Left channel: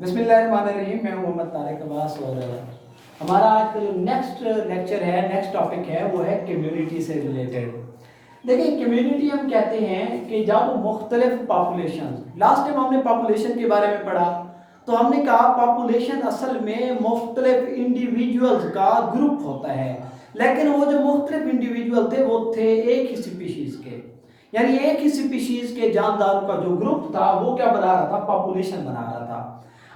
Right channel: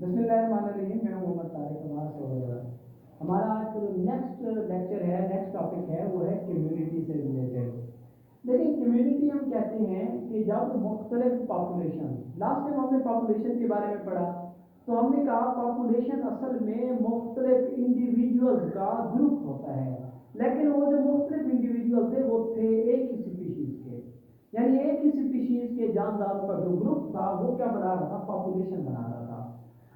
بسم اللہ الرحمن الرحیم. میں ہوں محمد طارق عباس اور ہمارا آج کا جو نیکسٹ لیکچر ہے, نیکسٹ ٹاپک ہے, وہ ہے کمیونٹی سے ریلیٹڈ. دیکھیں, کمیونٹی ہم کہتے ہیں کہ جب مختلف پاپولیشن, لاسٹ ٹائم ہم نے پاپولیشن کے بارے میں پڑھا تو ہم نے کہا پاپولیشن اصل میں مختلف انڈیویجولز کا گروپ ہوتا ہے, لیکن وہ جو مختلف انڈیویجول تھے وہ تھے ایک ہی سپیشیز کے, یعنی ایک ہی سپیشیز کے جانداروں کا جو گروپ تھا وہ کیا بنا رہا تھا, پاپولیشن بنا رہا تھا.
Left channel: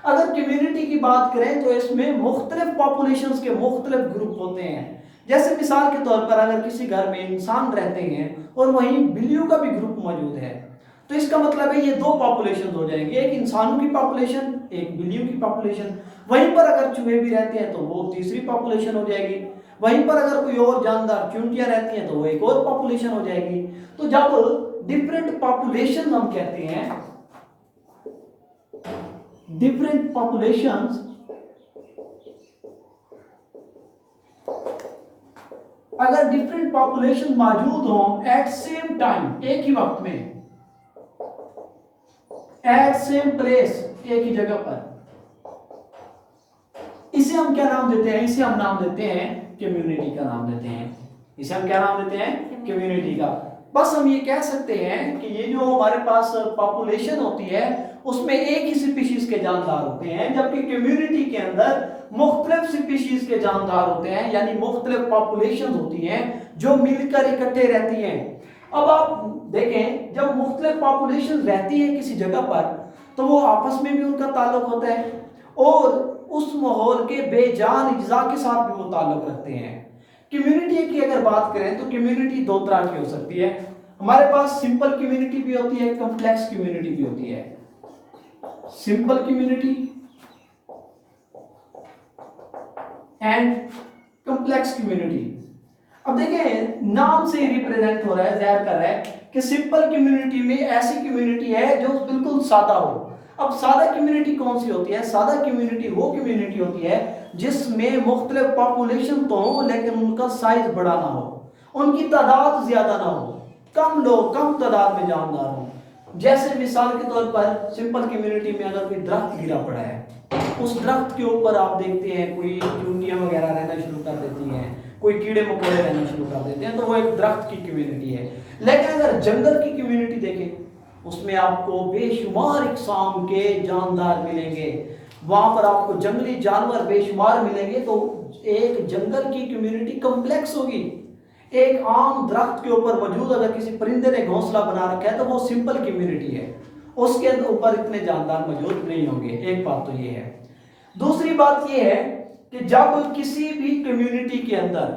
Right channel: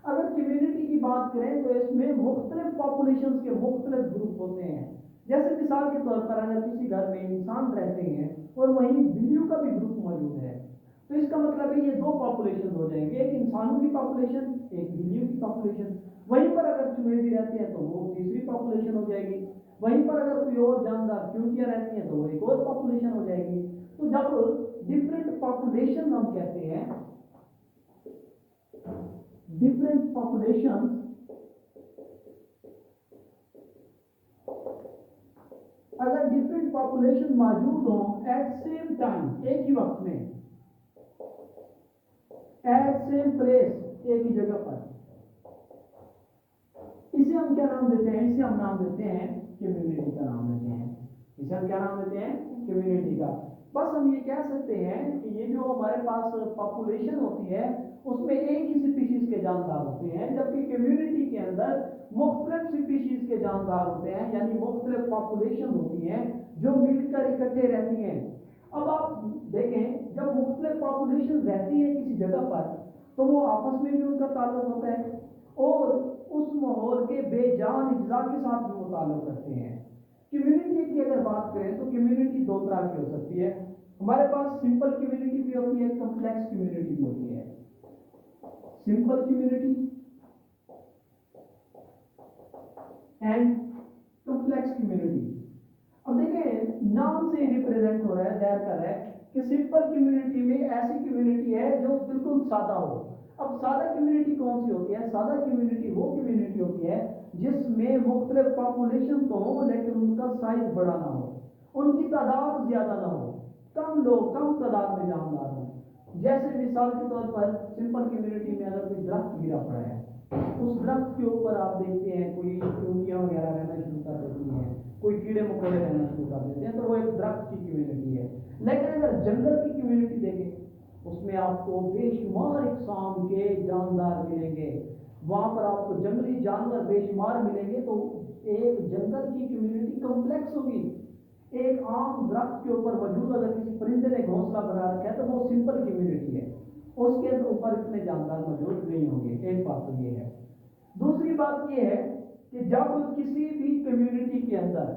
اگر کمیونٹی کی بات کریں تو اس میں مختلف پاپولیشنز کے مختلف گروپ ہوتے ہیں. جیسے مثال کے طور پر اگر کسی گھر میں انسان رہتے ہیں اور وہیں بلیوں کا بھی گروپ موجود ہے تو اس کا مطلب ہے یہ دو پاپولیشن ہو جائیں گے, ایک انسانوں کی پاپولیشن, ایک بلیوں کی پاپولیشن. وہیں پر اگر چوہے بھی رہتے ہیں تو وہ تیسری پاپولیشن ہو جائے گی. وہیں پر اگر کوئی اور جاندار چونٹیاں رہتی ہیں تو وہ ایک اور پاپولیشن ہو جائے گی. تو جب ڈفرینٹ پاپولیشن ہم کہتے ہیں, ڈفرینٹ پاپولیشنز, اگر ڈفرینٹ پاپولیشن موجود ہوں ایٹ سیم ٹائم, ایک ہی وقت میں, ایٹ سیم پلیس, ایک ہی جگہ پر, اسے ہم کیا نام دیتے ہیں, اسے ہم نام دیتے ہیں کمیونٹی کا نام دیتے ہیں. اسے ہم کیا نام دیتے ہیں, کمیونٹی کا. بس ہم یہ کہہ سکتے ہیں کہ یہ جو ہمارے پاس پاپولیشن ہوتی ہے اس میں ایک ہی سپیشیز کے جاندار ہوتے ہیں, جبکہ کمیونٹی کے اندر مختلف سپیشیز کے جاندار ہوتے ہیں, یعنی مختلف پاپولیشن ہوتی ہیں جو مل کر اکٹھے رہتی ہیں. اب آپ دیکھیں, جب مختلف پاپولیشن رہتی ہے کسی جگہ پر تو وہ آپس میں بھی ان کا تعلق ہوتا ہے اور اس ماحول کے بے جان اجزاء کے ساتھ بھی وہ تعلق رکھتے ہیں. کمیونٹی کی اگر بات کریں تو کمیونٹی دو طرح کی ہو سکتی ہے. ہمارے پاس سمپل کمیونٹی بھی ہوتی ہے, کمپلیکس کمیونٹی بھی ہوتی ہے. Simple community and complex community. اب دیکھیں, نام سے ہی ریپریزنٹ ہو رہا ہے, ظاہر کر رہا ہے کہ سمپل کمیونٹی میں ایسی کمیونٹی ہے جو بالکل سادہ ہو. اب سادہ کمیونٹی کون سی ہوتی ہے؟ سادہ کمیونٹی وہ کمیونٹی ہوتی ہے جس میں مختلف پاپولیشن تو ہو لیکن ان کا سائز بڑا نہ ہو, ان کی تعداد زیادہ نہ ہو, کم لوگ کم تعداد میں جاندار ہوں. جیسے مثال کے طور پر سمپل کمیونٹی میں اگر کوئی درخت گرا پڑا ہے, اس درخت کے اوپر آپ دیکھتے ہیں کوئی چونٹیاں وغیرہ رہنا شروع کر دیتی ہیں, کوئی کیڑے مکوڑے رہنا شروع کر دیتے ہیں, تو وہ ایک درخت کی کمیونٹی ہے. لیکن اگر جنگل کی کمیونٹی دیکھیں اس میں آپ کو بے شمار اقسام کے جاندار ملیں گے, وہاں پر آپ کو جنگلی جانور بے شمار ملیں گے. تو ایک جنگل کی کمیونٹی کمپلیکس ہوگی. ایک عام درخت کے اوپر موجود اگر کسی پرندے نے گھونسلہ بنا رکھا ہے تو وہ سمپل کمیونٹی ہے, اس کے اوپر اتنے جاندار موجود نہیں ہوں گے. ایک بات تو یہ ہے. دوسری بات یہ ہے کہ جب کسی بھی کمیونٹی کے اندر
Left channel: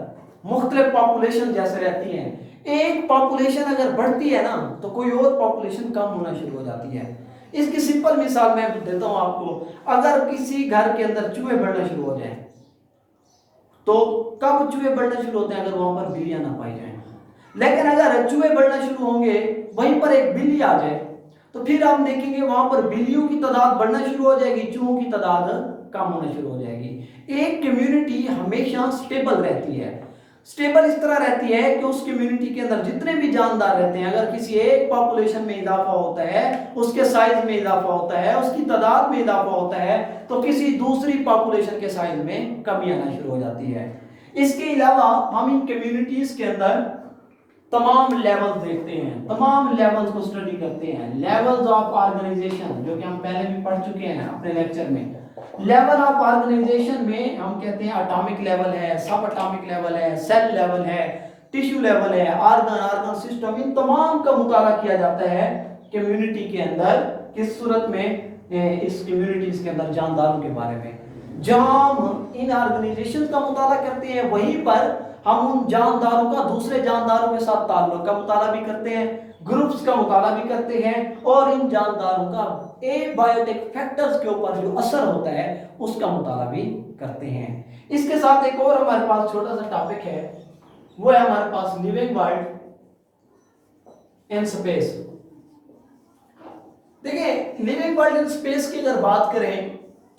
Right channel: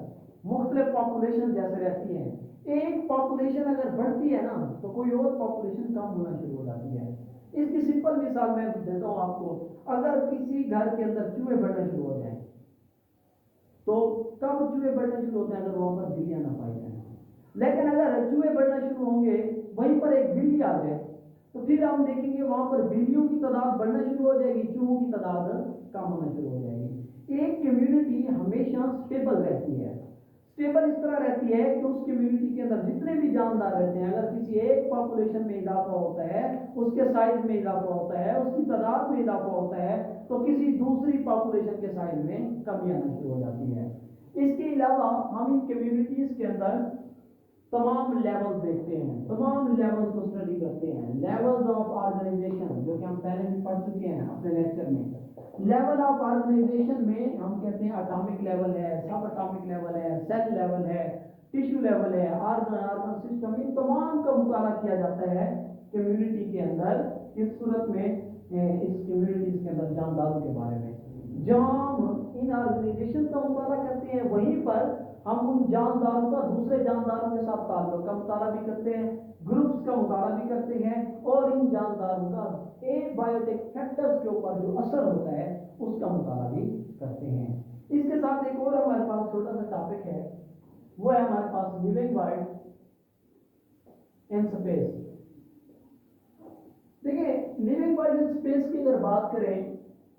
مختلف پاپولیشن جیسے رہتی ہیں, ایک پاپولیشن اگر بڑھتی ہے نا تو کوئی اور پاپولیشن کم ہونا شروع ہو جاتی ہے. اس کی سمپل مثال میں دیتا ہوں آپ کو. اگر کسی گھر کے اندر چوہے بڑھنا شروع ہو جائیں تو کب چوہے بڑھنا شروع ہوتے ہیں؟ اگر وہاں پر بلیاں نہ پائی جائیں. لیکن اگر چوہے بڑھنا شروع ہوں گے, وہیں پر ایک بلی آ جائے تو پھر آپ دیکھیں گے وہاں پر بلیوں کی تعداد بڑھنا شروع ہو جائے گی, چوہوں کی تعداد کم ہونا شروع ہو جائے گی. ایک کمیونٹی ہمیشہ سٹیبل رہتی ہے. سٹیبل اس طرح رہتی ہے کہ اس کمیونٹی کے اندر جتنے بھی جاندار رہتے ہیں, اگر کسی ایک پاپولیشن میں اضافہ ہوتا ہے, اس کے سائز میں اضافہ ہوتا ہے, اس کی تعداد میں اضافہ ہوتا ہے, تو کسی دوسری پاپولیشن کے سائز میں کمی آنا شروع ہو جاتی ہے. اس کے علاوہ ہم ان کمیونٹیز کے اندر تمام لیول دیکھتے ہیں, تمام لیولز کو اسٹڈی کرتے ہیں. لیولز آف آرگنائزیشن جو کہ ہم پہلے بھی پڑھ چکے ہیں اپنے لیکچر میں. لیول آف آرگنائزیشن میں ہم کہتے ہیں اٹامک لیول ہے, سب اٹامک لیول ہے, سیل لیول ہے, ٹیشو لیول ہے, آرگن سسٹم, ان تمام کا مطالعہ کیا جاتا ہے کمیونٹی کے اندر. کس صورت میں؟ اس کمیونٹیز کے اندر جانداروں کے بارے میں. جہاں ہم ان آرگنائزیشن کا مطالعہ کرتے ہیں وہیں پر ہم ان جانداروں کا دوسرے جانداروں کے ساتھ تعلق کا مطالعہ بھی کرتے ہیں, گروپس کا مطالعہ بھی کرتے ہیں, اور ان جانداروں کا بایوٹک فیکٹرز کے اوپر جو اثر ہوتا ہے اس کا مطالعہ بھی کرتے ہیں. اس کے ساتھ ایک اور ہمارے پاس چھوٹا سا ٹاپک ہے, وہ ہے ہمارے پاس لیونگ ورلڈ ان اسپیس. دیکھیں, لیونگ ورلڈ ان اسپیس کی اگر بات کریں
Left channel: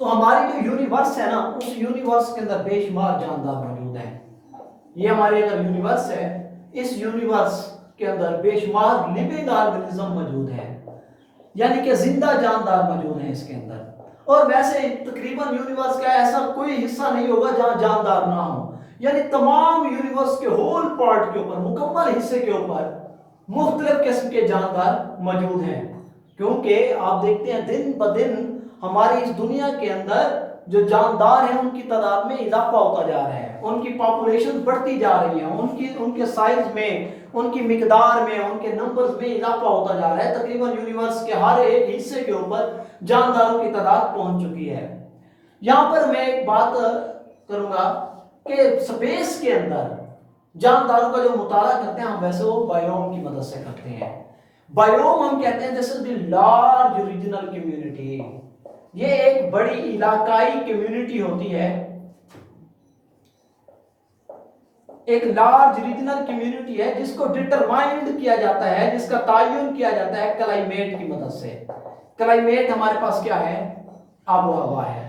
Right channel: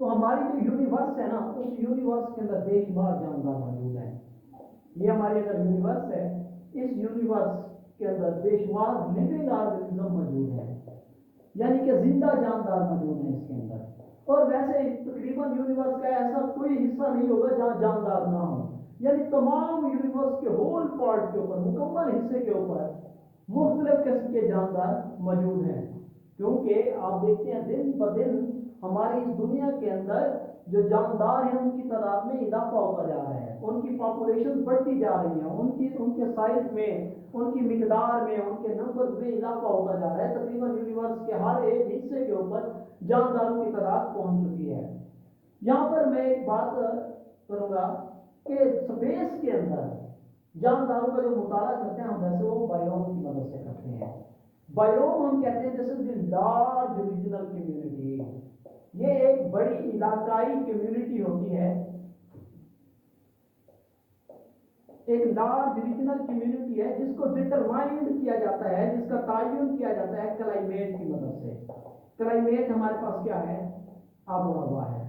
تو ہماری جو یونیورس ہے نا, اس یونیورس کے اندر بے شمار جاندار موجود ہیں. یہ ہماری اگر یونیورس ہے, اس یونیورس کے اندر بے شمار لیونگ آرگنزم موجود ہیں, یعنی کہ زندہ جاندار موجود ہیں اس کے اندر. اور ویسے تقریباً یونیورس کا ایسا کوئی حصہ نہیں ہوگا جہاں جاندار نہ ہو، یعنی تمام یونیورس کے ہول پارٹ کے اوپر، مکمل حصے کے اوپر مختلف قسم کے جاندار موجود ہیں، کیونکہ آپ دیکھتے ہیں دن بدن ہماری اس دنیا کے اندر جو جاندار ہیں ان کی تعداد میں اضافہ ہوتا جا رہا ہے، ان کی پاپولیشن بڑھتی جا رہی ہے، ان کے سائز میں، ان کی مقدار میں، ان کے نمبرز میں اضافہ ہوتا جا رہا ہے۔ تقریباً یونیورس کے ہر ایک حصے کے اوپر جانداروں کی تعداد پہنچ چکی ہے۔ یہاں پر میں ایک بات کروں گا کہ سپیس کے اندر جانداروں کا جو مطالعہ کرتے ہیں ہم ویسے وہ بائیوم کی مدد سے کرتے ہیں۔ بائیوم ہم کہتے ہیں دس از دی لارج ریجنل کمیونٹی، یہ ایک بڑی علاقائی کمیونٹی ہوتی ہے، ایک لارج ریجنل کمیونٹی ہے جس کو ڈٹرمائنڈ کیا جاتا ہے، جس کا تعین کیا جاتا ہے کلائمیٹ کی مدد سے۔ کلائمیٹ ہمارے پاس کیا ہے؟ آب و ہوا ہے،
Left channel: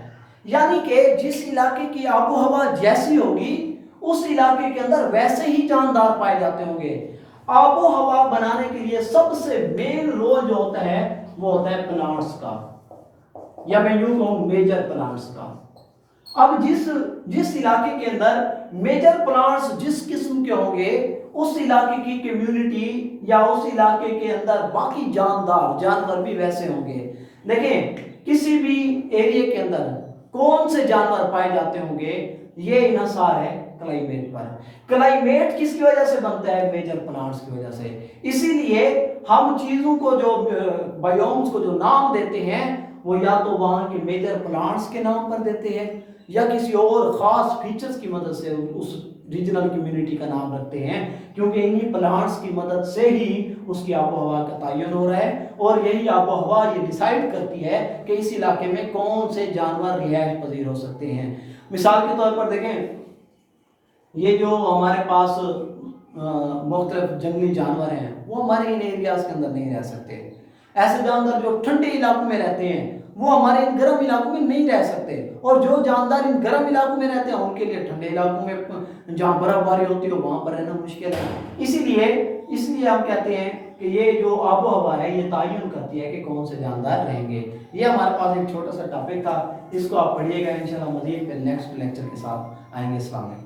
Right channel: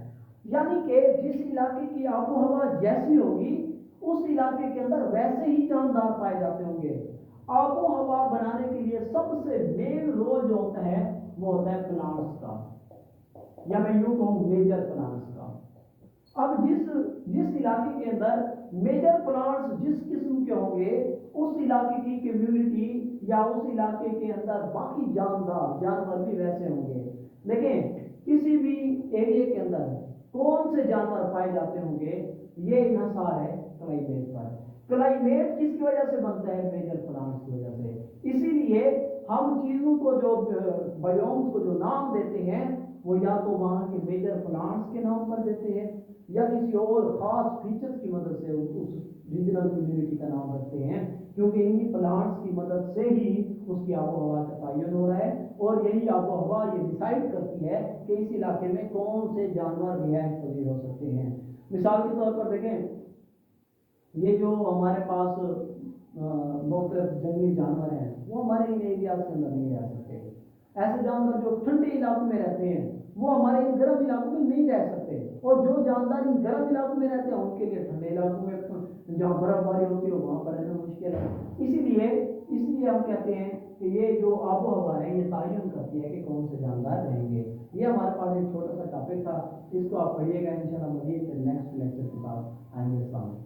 یعنی کہ جس علاقے کی آب و ہوا جیسی ہوگی اس علاقے کے اندر ویسے ہی جاندار پائے جاتے ہوں گے۔ آب و ہوا بنانے کے لیے سب سے مین رول جو ہوتا ہے وہ ہوتا ہے پلانٹس کا، یا میں یوں کہوں میجر پلانٹس کا۔ اب جس علاقے کے اندر میجر پلانٹس جس قسم کے ہوں گے اس علاقے کی کمیونٹی یا اس علاقے کے اندر باقی جانور بھی ویسے ہوں گے۔ دیکھیں کسی بھی ایریے کے اندر کون سے جانور پائے جاتے ہوں گے، یہ انحصار ہے کلائمیٹ پر۔ کلائمیٹ کس کی وجہ سے بنتا ہے؟ میجر پلانٹس کی وجہ سے۔ اسی لیے ہم چیزوں کو جو بائیومز کو جو نام دیتے ہیں وہ یا تو وہاں کے میجر پلانٹس کے نام پر دیتے ہیں یا کسی اور خاص فیچرز کی مدد سے اس ریجنل کمیونٹی کا نام رکھتے ہیں، کیونکہ انہی پلانٹس کی مدد سے ہی اس کی آب و ہوا کا تعین ہو رہا ہے، اور یہی آب و ہوا یہ ڈیسائیڈ کرتی ہے کہ اس علاقے میں کون سے جانور رہائش پذیر ہو سکتے ہیں۔ مثال کے طور پر دیکھیں یہ جو ہمارے پاس مختلف جنگلی جانور ہیں وہ ہمارے ان ایریاز کے اندر نہیں رہ سکتے۔ ایسے جاندار جو ٹھنڈے علاقوں میں رہتے ہیں وہ ہمارے ان گرم علاقوں میں نہیں رہ سکتے، اور جو جاندار ان گرم علاقوں میں رہتے ہیں ان کے لیے ٹھنڈے علاقوں میں جہاں برف باری ہوتی ہے وہاں پر رہنا مشکل ہے۔ اسی لیے ہم کہتے ہیں کہ یہ جو آب و ہوا ہے یہ تعین کرتی ہے کہ کون سے جاندار رہیں گے۔ یہ ہمارے پاس ایک چھوٹا سا ٹاپک تھا، اس کو آپ پڑھیے گا انشاءاللہ، مزید نیکسٹ لیکچر کے ساتھ آئیں گے۔ السلام علیکم۔